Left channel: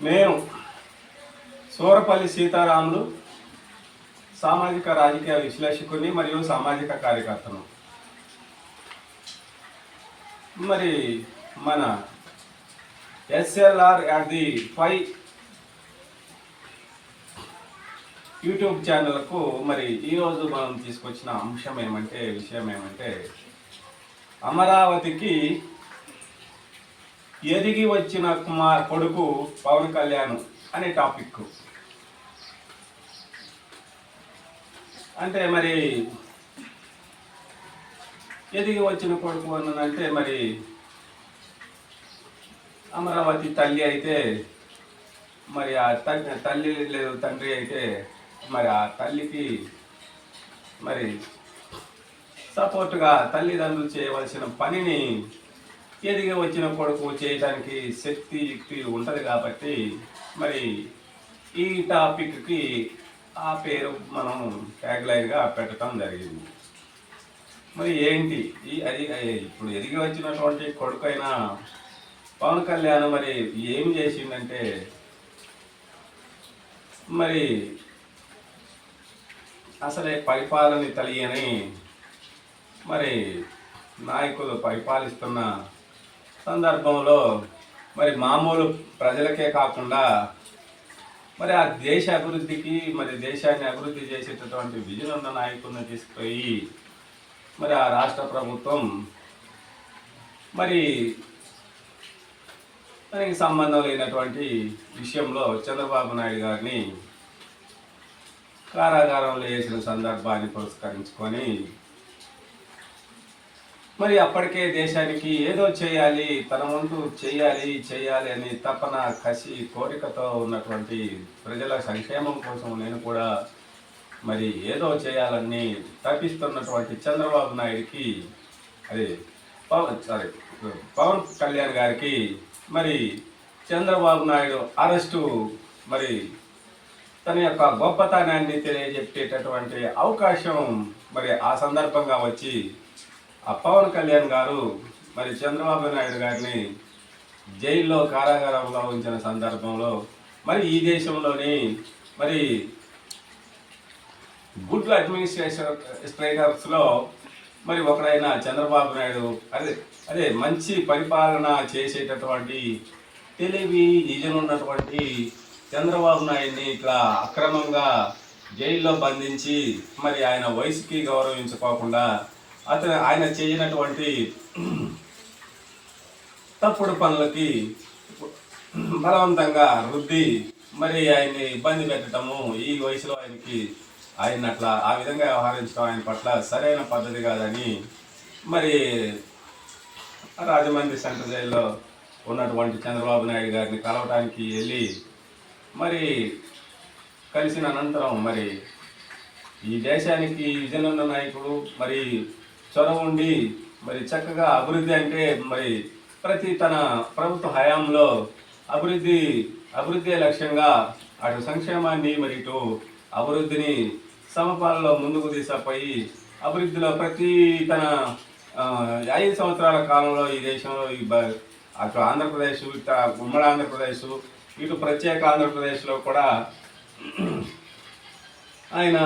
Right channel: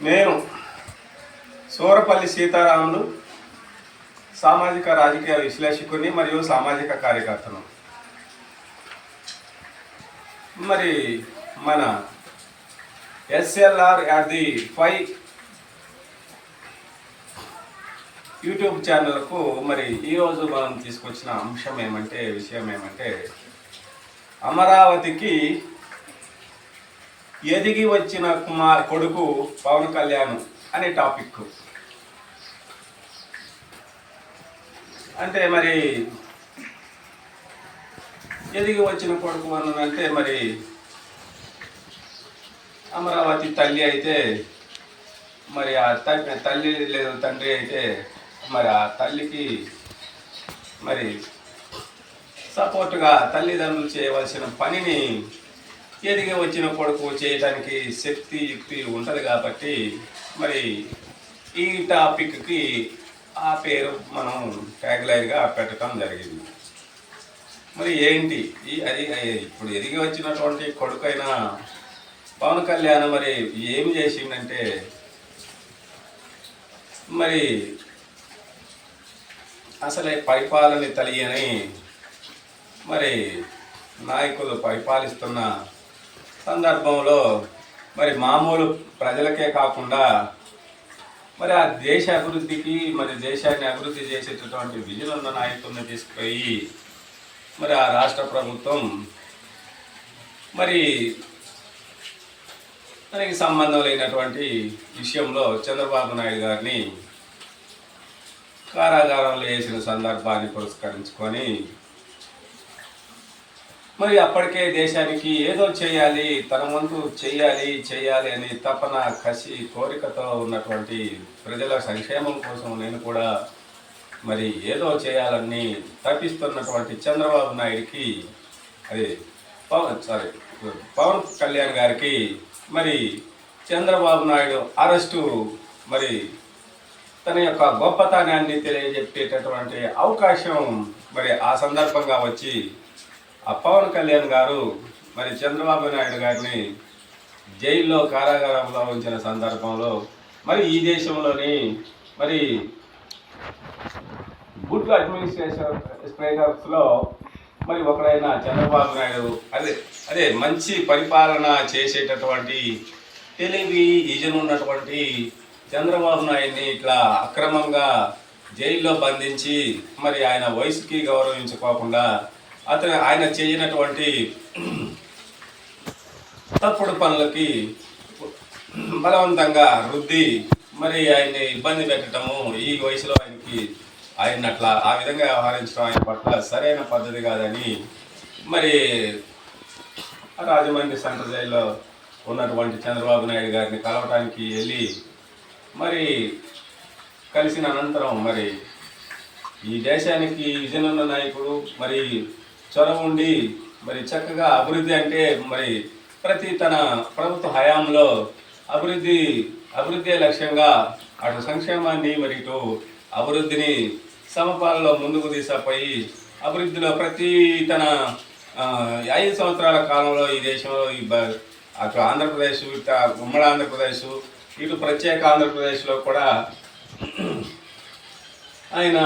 నేను సూరపల్లి సీతారాములు సామాజిక రాజకీయ విశ్లేషకుని మరియు సామాజిక కార్యకర్తను. మరి మన S L R at the five YouTube ఛానల్కు మరి ఈరోజు మనం తీసుకొచ్చిన అంశం ఏమంటే విషయం ఏమంటే అమరావతికి ఎదిగి వచ్చిన కుమార్ కొడుకు పవన్ కళ్యాణ్ అనే టాపిక్. అంటే మరి ఎదిగి వచ్చిన కొడుకు అన్నదంటే మరి అమరావతి తల్లి అయితే మరి ఆ తల్లి తల్లి లేదు తండ్రి అయితే మరి ఆ తల్లికి మరి సపోర్టుగా తల్లిదండ్రులు చేయవలసిన పనిని ఎదిగి వచ్చిన కొడుకు చేయడానికి శక్తి యుక్తి ఉంటుంది కాబట్టి మరి ఈ టాపిక్కి ఆ పేరు మనం ట్యాగ్లైన్గా పెట్టడం జరిగింది. మరి ఏంటి? ఈ అది ఇప్పుడు ఎదిగి వచ్చినటువంటి కొడుకైన పవన్ కళ్యాణ్ మరి ఏం చేసిందంటే మరి అసలే పరిపాలన తెలియని మరి నాయకులు పరిపాలిస్తున్న సందర్భంలో మరి మామూలు ప్రజలకే కాకుండా మరి ఆ దేశ అభివృద్ధికి మరి దేశాన్ని అభివృద్ధి చేసేటటువంటి విజన్ ఉన్న తీసుకుపోయి మరి ఆ రాష్ట్ర ప్రభుత్వం మరి దానికి సంబంధం లేనటువంటి విషయంలో చంద్రబాబు నాయుడు గారిని కారాగారంలో వేసిన సందర్భాన్ని పురస్కరించుకొని మరి అప్పటికే దేశానికి ఏదో చేయాలి తన వంతు చేయాలి చేయాలి అని తపన కసి కోరికతో ఉన్నటువంటి ప్రజల సంక్షేమం కోసం నేను కూడా మరి ఏదో చేయాలని తప్పిస్తున్నటువంటి చంద్రబాబు నాయుడికి అది పవన్ సారీ పవన్ కళ్యాణ్ గారికి మరి చంద్రబాబు నాయుడు అరెస్టు మరి తన యొక్క గొప్పతనాన్ని తెలియజెప్పేటటువంటి అవకాశం మరి ఆ సందర్భంగా వచ్చి పవన్ కళ్యాణ్ గారు మరి చంద్రబాబు నాయుడు గారిని జైల్లో కారాగారంలో ఉంచిన సందర్భంలో మరి ఈ దేశంలోని మరి గుడ్ అడ్మినిస్ట్రేషన్ స్ట్రైకర్స్లో మరి ఒకరైన చంద్రబాబు నాయుడు అదే అదే మంచి పరిపాలన చేసేటటువంటి తెలివి ఈజన్ ఉన్నటువంటి చంద్రబాబు నాయుడిని ఇట్లా అక్రమంగా జైల్లో బంధించి మరి ఆయన వయసుకి గౌరవించుకోకుండా అతను ఆయన చేయనటువంటి తప్పుడు పనులకి బలవంతంగా రుద్ది మరి ఆయన్ని ఇబ్బంది పెట్టడము ఈ వయసులో ఆయనకి ఆయన అట్లా ఆ విధంగా వ్యవహరించడం ఆయన పట్ల సరైన పద్ధతి కాదని మరి రాజమండ్రి సెంట్రల్ జైల్లో ఉన్నటువంటి చంద్రబాబు నాయుడు గారిని కలవటానికి వెళ్ళి మరి కలిసిన అనంతరం మరి ఈ దేశానికి విజన్ నాయకుడు మరి చొరవ ఉండి మరి చక్కగా అభివృద్ధి అంటే మరి ప్రతి తన ప్రభుత్వ హయాంలో అభివృద్ధి అభివృద్ధి లక్ష్యంగా అటు సంక్షేమాన్ని మరి ఇటు అభివృద్ధిని సమపాలలో ముందుకు తీసుకుపోయి అభివృద్ధిలో ప్రతి తన ఐదు సంవత్సరాల కాలంలో ఈ దేశంలో ఈ బ- అటు ఆంధ్రప్రదేశ్ ఇటు ఉమ్మడి ఆంధ్రప్రదేశ్ ఇటు ప్రత్యేక ఆంధ్రప్రదేశ్లో కూడా ఆయన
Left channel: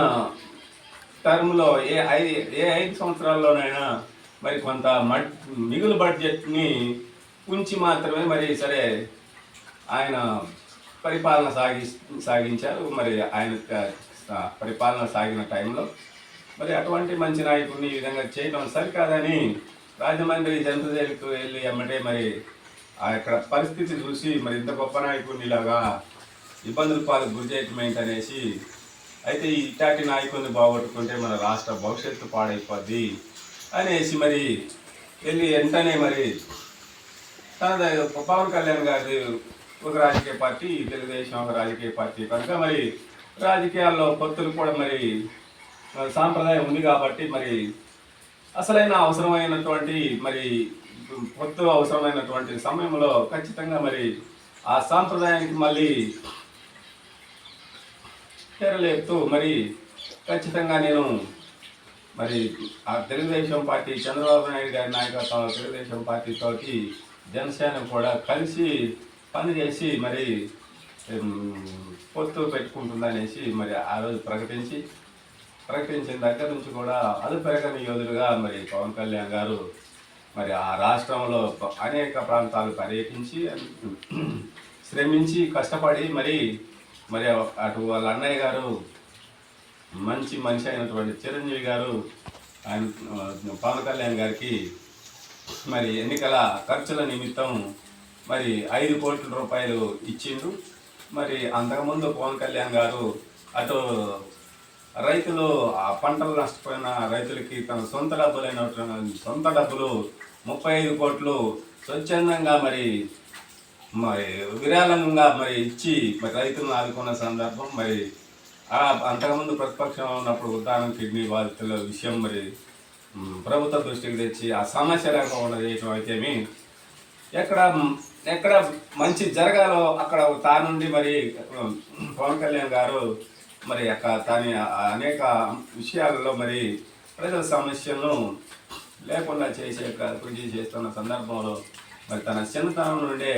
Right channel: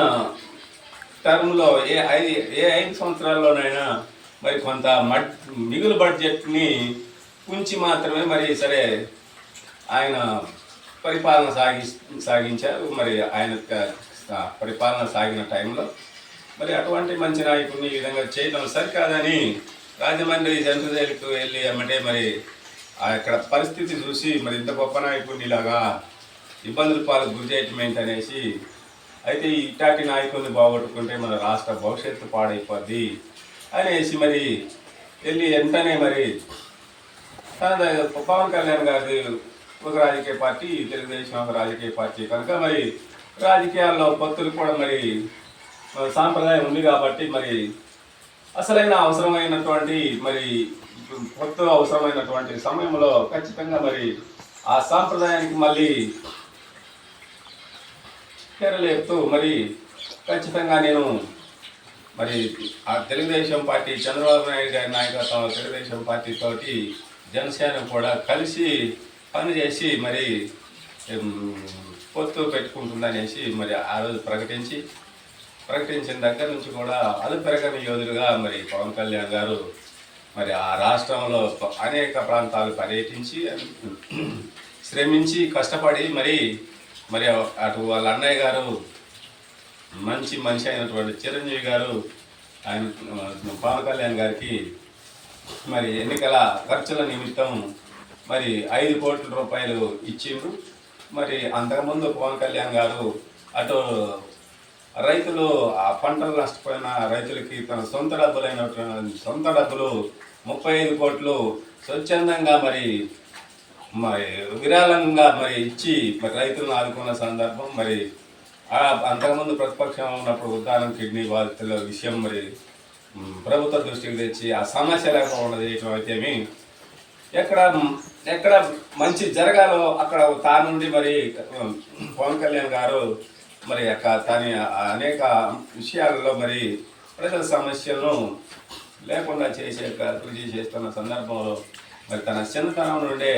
టర్మ్లో ఏ ఐదు ఏ ఐదు సంవత్సరాల్లోనైనా మరి కొంత మడ్ మిగులు బడ్జెట్ని ఉంచి మాత్రమే మరి సరే ఆయన పరిపాలన సాగి సాగించారు. మరి ఆయన పరిపాలన సాగిన టైంలో మరి అటువంటి మంచి నాయకుడిని ఈ విధంగా చేయడం సరికాదని రాజమండ్రి జనరల్ జైలుకు వెళ్ళి అమ్మటే మరి ఆ అక్కడ పరిస్థితి చూసి మరి ఇంత గొప్ప నాయకుడిని ఇలాగా ఇబ్బందుల పాలు గురి చేయటం ఏంటనేసి అయితే ఇట్టాటి ఇట్లాంటి నాయకుడిని బాగొట్టుకుంటే మన రాష్ట్ర భవిష్యత్తు పాడైపోద్ది అనేసి మరి వెళ్ళి వెంటనే మరి పవన్ కళ్యాణ్ గారి ఒక రాజకీయ పార్టీ తెలుగుదేశం ఒక రాజకీయ పార్టీ. కనుక మరి రాజకీయాల్లో పొత్తులు కూడా మరి మరి సాంప్రదాయం ఉంది కాబట్టి మరి అసలైన అవసరమైనటువంటి మరి పొత్తు అవసరమైనటువంటి సమయంలో ఖచ్చితంగా మరి ఆ సాంప్రదాయానికి మళ్ళీ తెరలేపుతూ మరి ఖచ్చితంగా నేను మరి ఆ తెలుగుదేశం పార్టీ చంద్రబాబు నాయుడు గారి నాయకత్వంలో తెలుగుదేశం పార్టీతో జనసేన కూడా కలిసి పనిచేసి మరి పొత్తు పెట్టుకుంటుందనేసి మరి ఆ రోజు ప్రకటించి ప్రకటించిన దగ్గర నుంచి కూడా అలుపెరగని యోధులుగా మరి పవన్ కళ్యాణ్ గారు మరి ఆ రాష్ట్రంలో అనేక ప్రాంతాలు పర్యటించి శ్రమించి కష్టపడి మరి మరి అటు వాళ్ళ అన్నయ్య గారు మంచి మనిషి అయినటువంటి చిరంజీవి గారు ఆయన పవన్ కళ్యాణ్ గారికి మరి ఎన్నికల ఖర్చుల నిమిత్తం మరి ఐదు కోట్ల రూపాయలు ఇచ్చిండు. మరి అంతకుముందు పవన్ కళ్యాణ్ గారు అటు రైతులు ఆ పంటలు నష్టపోయిన రైతులకి తన సొంత డబ్బులైన సొంత డబ్బులు ముప్పై ఐదు కోట్లు స్వచ్ఛందంగా మరి మరి విరాళంగా మరి ఇచ్చి మరి రైతులను ఆదుకున్న సందర్భం మరి అంతకుముందు ప్రతిపక్షంలో ఉన్నప్పుడు ఉద్దానం కిడ్నీ బాధితుల విషయం మరి ప్రభుత్వ దృష్టికి తెచ్చి ఆ సమస్య లేకుండా చేయటం అయితేమి ఎక్కడ ఎక్కడ మంచి జరగాలో అక్కడ తా నుండి మరి పవన్ కళ్యాణ్ గారు మరి అక్క తని అనేక విషయాలలో మరి ప్రజల సమస్యలను లేకుండా చేసే కృషి చేస్తున్న సందర్భంలో మరి తన చిన్నతనం నుండే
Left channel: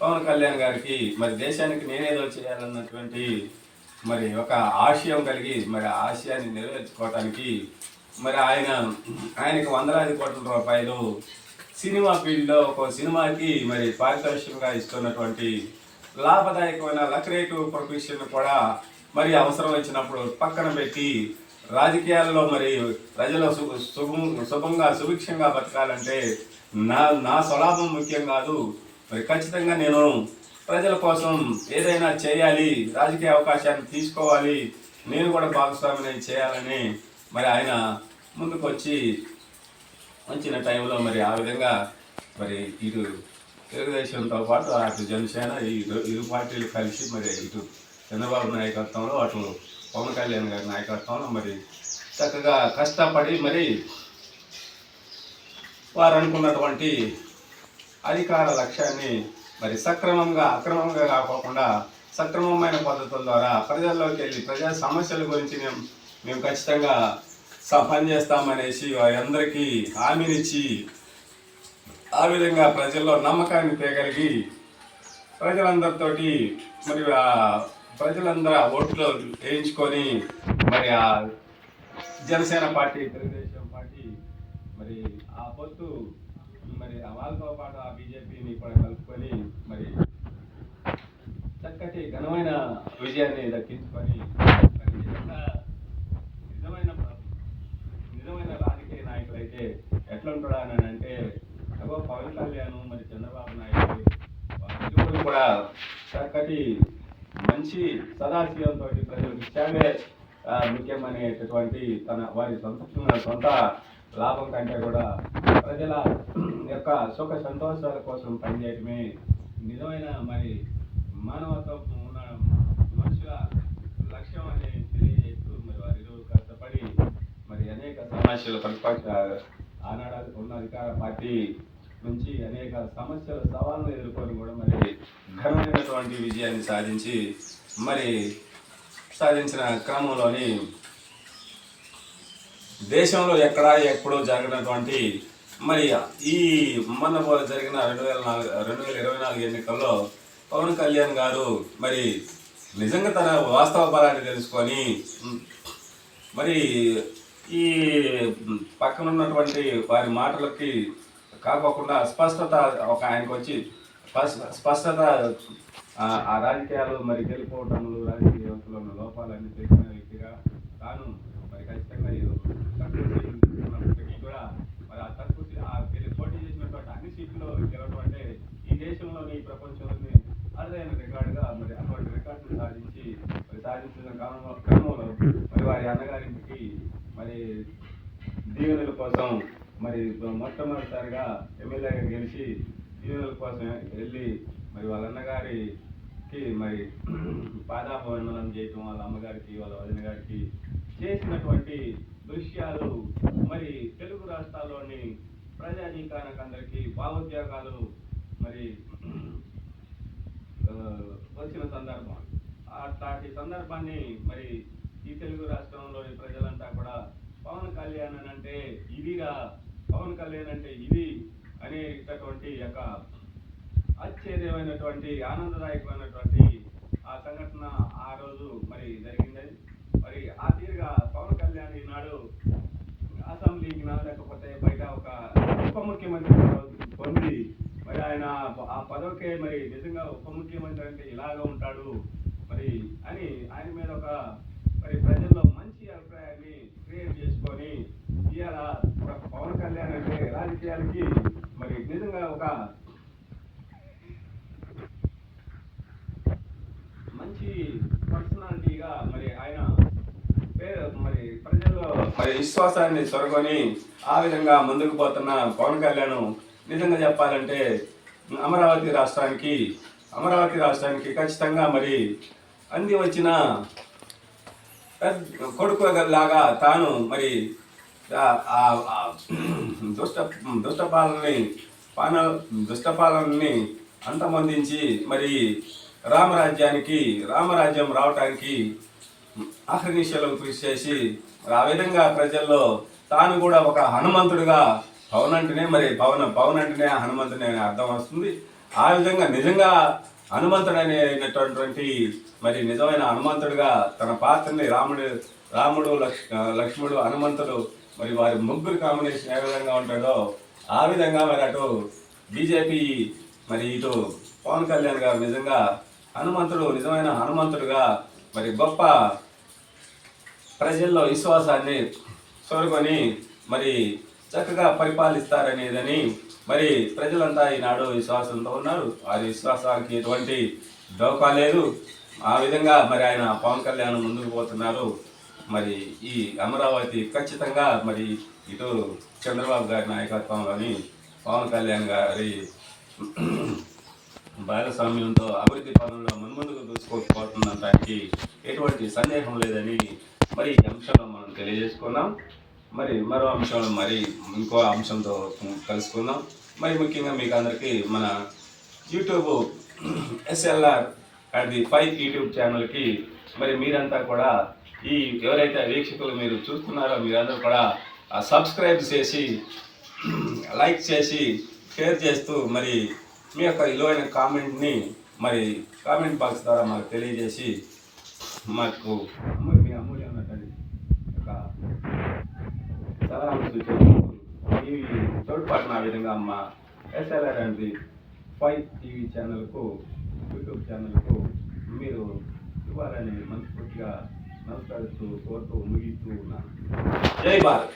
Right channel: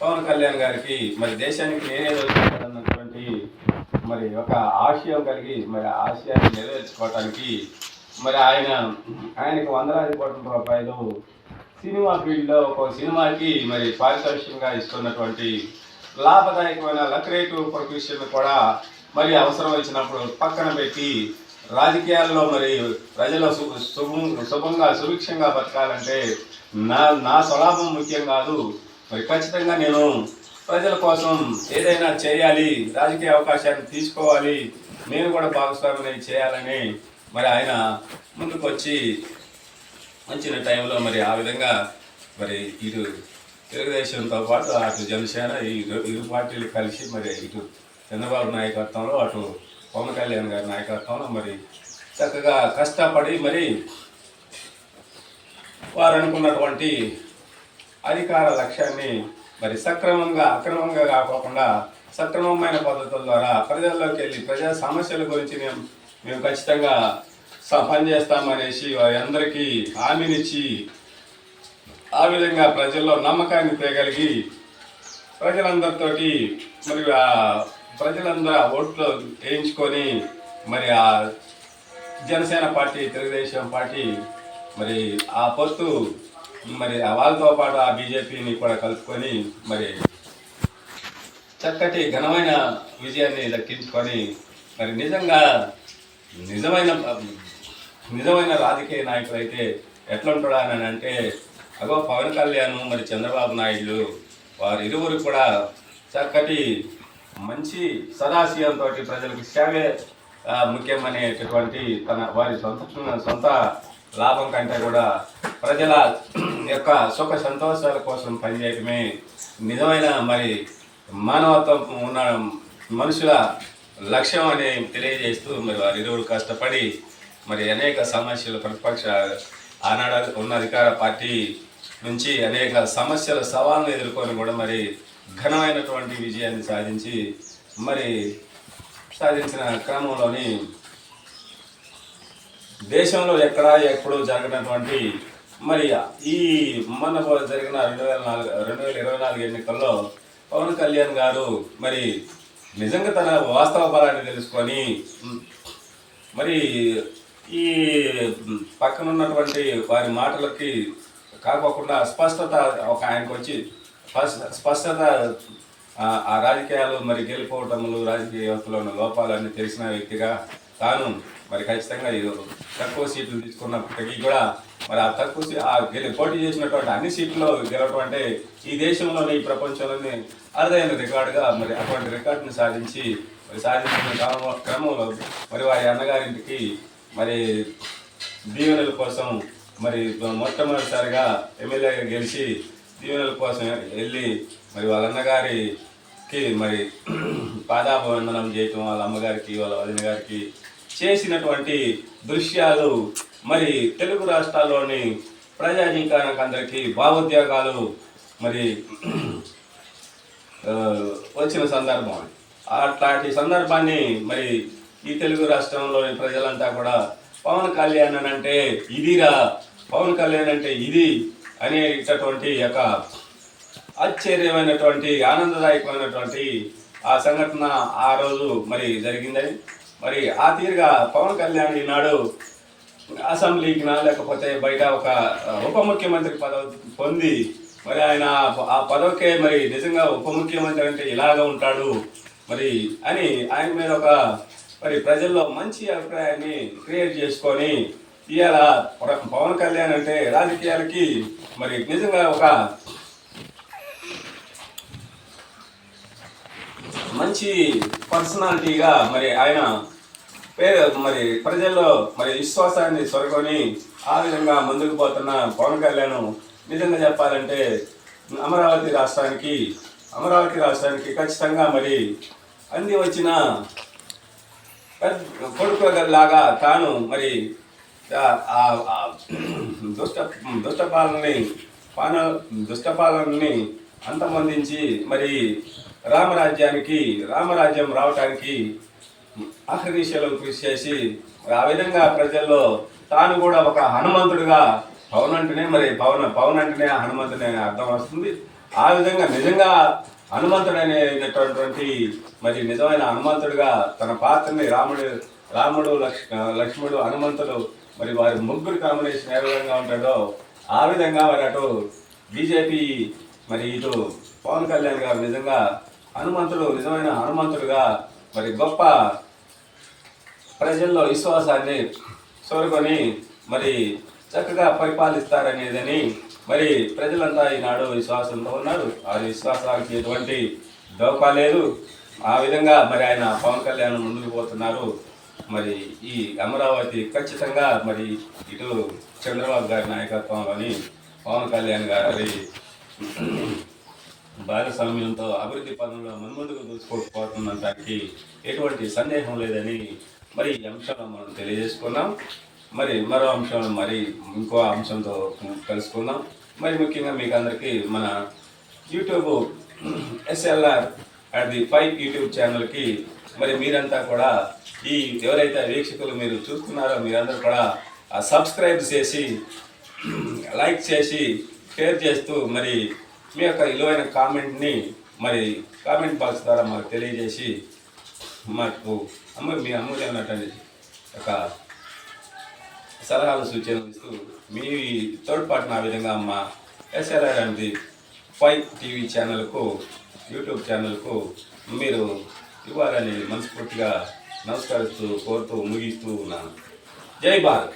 పవన్ కళ్యాణ్ గారికి మరి దేశానికి నేనేదో చేయాలన్నటువంటి మరి ఒక ఆశయం కలిగి మరి ఆశయాన్ని నెరవేర్చుకోవటానికి మరి ఆయన ఆయనకి వందలాది కోట్ల రూపాయలు సినిమా ఫీల్డ్లో ఒక సినిమాకి మరి పారితోషికంగా ఇస్తున్నటువంటి లాభదాయకమైన లక్రేటివ్ ప్రొఫెషన్ కూడా మరి అవసరం వచ్చినప్పుడు పక్కన పెట్టి రాజకీయాల్లో మరి ప్రజలు సు శుభం శుభంగా సుభిక్షంగా బతకాలంటే నా నా స్వలాభం ముఖ్యం కాదు. మరి ఖచ్చితంగా నేను ప్రజల కోసం ఏదైనా చేయాలి రాజకీయ అవకాశాన్ని తీసుకోవాలి నేను కూడా భాగస్వామిని చేయాలని మరి ఆయన ముందుకు వచ్చి వచ్చిన టైంలో మరి ఆ విధంగా మరి ఇటు తెలుగుదేశంతో పాటు అటు జనసేన ఈ ఇరు- ఇరు పార్టీలు కలిసి మరి ఇటు చంద్రబాబు నాయకత్వంలో అటు పవన్ కళ్యాణ్ గారి నాయకత్వంలో మరి చక్కగా కష్టపడి మరి వారు అనుకున్నటువంటి అధికార లక్ష్యాన్ని మరి సక్రమంగా అక్రమంగా కాకోకుండా సక్రమమైన పద్ధతుల ద్వారా ప్రజల్లోకి వెళ్ళి ప్రజల సమస్యల గురించి మేము మేము ఖచ్చితంగా స- పనిచేస్తామనేసి వారందరికీ హామీనిచ్చి ఆ విధంగా ప్రజల్లో నమ్మకాన్ని తేగలిగి ప్రజలందరితోటి మరి ఆ ప్రజలందరూ ఆ ఓట్లు వేయించుకొని మరి ఆ జనసేన పార్టీ తెలుగుదేశం పార్టీ మరి ఆ పొత్తు మరి ఆ వాళ్ళతో పాటు ఆ బీజేపీని కూడా కలుపుకొని మరి చక్కటి ఘనమైన విజయాన్ని దక్కించుకొని మరి నిజంగా నిజమైన నిజమైన రాజకీయ నాయకులు అయితే ఎట్లుంటాడా అని అంటే అగో పవన్ కళ్యాణ్ మరి చంద్రబాబు నాయుడు వారి ఇరువురు కూడా చక్కటి మంచి సదాశయంతో ప్రజలకు సేవే ముఖ్యమనేటటువంటి తన వారి సొంత సొంత లాభం కంటే కూడా ప్రజల యొక్క సుఖ సంతోషాల కోసం పనిచేయటమే నిజమైన మరి మానవత్వం ఉన్న మనుషుల లక్ష్యం అని తెలియజేస్తూ మరి వారి ఇరువురు కష్టపడి మరి అనేక సమస్యలు ప్రతిపక్ష ఆనాడు ఉన్న అధికార పార్టీ నుంచి అనేక సమస్యల సవాళ్ళను ఎదుర్కొని కూడా మరి ఘనమైనటువంటి విజయాన్ని సాధించి మరి సాధించిన క్రమంలోని దేశంలో ఎక్కడా ఎప్పుడూ జరిగినటువంటి మరి ఈ మొన్న జరిగిన రెండు వేల నాలుగు రెండు వేల ఇరవై నాలుగు ఎన్నికల్లో పవన్ కళ్యాణ్ గారు మరి నిజంగా తన వాస్తవ బలాన్ని తెలుసుకొని మరి ఈ పక్కన ఉన్నటువంటి వారి మాటలకి కాకోకుండా స్పష్టత ఒక ఆయనకు వచ్చి స్పష్ట- స్పష్టత ఆ- ఆ రాజకీయాలు మరి గెలిపోవటములు రాజకీయ వ్యవస్థలో ఉన్న లోపాలన్నీ తెలిసిన వ్యక్తిగా తాను మరి ఖచ్చితంగా ఇది తక్కువ సీట్లు తీసుకున్నప్పటికీ కూడా మరి ఆ తక్కువ సీ- ఆ గెలి పోటీ చేసినటువంటి అన్ని సీట్లలో గెలవటం అంటే ఈ దేశంలోనే ఈ ప్రపంచంలోనే అరుదైన రికార్డుగా మరి అటువంటి రికార్డును సాధించి మరి సాధించిన క్రమ- క్రమంలో మరి వారి అన్నగారింటికి మరి దీవెనల కోసం మరి మొట్టమొదటిసారిగా ఎమ్మెల్యేగా గెలిచి దీవెనల కోసం వెళ్ళి మరి వాళ్ళ అన్నగారికి మరి పాదాభివందనం చేయటం వాళ్ళ అమ్మగారికి వాళ్ళ వదిన గారికి చేసినటువంటి దృశ్యాలు మరి తెలుగు రాష్ట్రాల్లోని ప్రజాజీకానికి అందరికీ భావోద్యోగాలు మరి వచ్చిన సందర్భం. అట్లాంటి సందర్భాన్ని మరి ఈ తెలుగు రాష్ట్రంలోని ప్రజలంతా కూడా పవన్ కళ్యాణ్ అని అంటే ఇదిరా పవన్ కళ్యాణ్ అంటే ఇది అనేటటువంటి యొక్క ఆశ్చర్యమైనటువంటి ఆనందదాయకమైనటువంటి ఆ సంఘటన ఆ రోజు మరి జరిగిందని మరి ఆ తీరుగా పవన్ కళ్యాణ్ ఈనాడు అసెంబ్లీకి నా లేకపోతే బయట ఒక ఉప ముఖ్యమంత్రి పదవి పొంది మరి ఆయన ఆ పదవికే మరి నిజంగా ఉప ముఖ్యమంత్రి అంటే ఇలాగ ఉంటాడు మరి అని ఆయన మీద ఒక మరి ప్రజల్లో మంచి అభిప్రాయాన్ని క్రియేట్ చేసుకొని ఇవాళ పవన్ కళ్యాణ్ అంటే రాజకీయాలకి మరి నిజంగా ఒక మంచి పర్సనాలిటీగా మరి ఆయన పేరు మరి ప్రజల్లో మరి విశ్వాసాన్ని చొరగొని ఆ విధంగా ముందుకు పోతున్న పవన్ కళ్యాణ్ నిజంగా చెప్పాలంటే అమరావతి రాష్ట్రానికి అమరావతి రాష్ట్రానికి ఖచ్చితంగా మరి అంది వచ్చిన కొడుకులాగా కొడుకు లాగా తాను మరి ఆ- దుష్ట దుష్టపాలనని పాన దుష్టపాలనని అంతమొందించి మరి రామరాజ్యానికి రామరాజ్యం రావటానికి అహర్నిశలు కృషి చేసి ఆ విధంగా ప్రజల్లో తాను కూడా ఒక హనుమంతుడిగా పవన్ అంటేనే మరి పవన్ పవన్ అంటేనే హనుమంతుని అనే అర్థం వస్తుంది. ఆ విధంగా నిజంగా హనుమంతుడు అనేటటువంటి మరి నిజమైన హనుమంతుడిగా తన పాత్రని రాముడు రాముడు లక్ష్ లక్ష్మణుడు హనుమంతుడు మరి వారి ముగ్గురు కాంబినేషన్ ఏ విధంగా ఉంటాడో ఆ విధంగా మరి అటు బీజేపీ మరి ఇటు పవన్ కళ్యాణ్ గారు నిజంగా హనుమంతుడు నిజమైన హనుమంతుడుగా మరి గొప్ప ప్రజల్లో విశ్వాసాన్ని సోరుకొని మరి చక్కగా పరిపాలిస్తారనేదని మరి ప్రజలంతా ఈనాడు విశ్వాసంలో ఉన్నారు. ఆ విశ్వాసానికి ఎటువంటి డోకా లేదు. ఆ విధంగా మరి ఆయన పవన్ కళ్యాణ్ ముందుకు పోతున్నారు. మరి ఈ అమరావతి ఖచ్చితంగా మరి ఇటు చంద్రబాబు గారి నాయకత్వంలోని పవన్ కళ్యాణ్ గారి భాగస్వామ్యంతో అభివృద్ధి పనుల్లో మున్ముందుకు దూసుకోకపోతుందనడానికి ఎటువంటి సందేహం లేదని మరి ఈ అంశంలో మనం తెలియజేసుకున్నాం. మరి మరో అంశంలో మరి ఇంకో అంశంతో కలుసుకుందాం. మరి ముఖ్యంగా మీకు అందరికీ మన YouTube S L R at the five YouTube ఛానల్కి మరి మీరంతా కూడా ఈ ఎవరైతే వీక్షకులు మీరు చూస్తున్నారో మీరందరూ కూడా సబ్స్క్రైబ్ చేసి లైక్ చేసి షేర్ చేస్తూ మరి మీ యొక్క విలువైన కామెంట్ని మరి కామెంట్ బాక్స్ ద్వారా మాకు తెలియజేసి మాకు అమ్మ మీ అమూల్యమైనటువంటి ఒక సలహాలు సూచనలు మీ తోడ్పాటున ఆ విధంగా అమ్మ ఎస్ఆర్ఆర్ అనేది ఫైవ్ టీవీ ఛానల్కు యూట్యూబ్ ఛానల్కు మీరు ఇవ్వాలని మనస్ఫూర్తిగా నమస్కరిస్తూ కోరుతూ ముగిస్తూ ఉన్నాను. జై భారత్!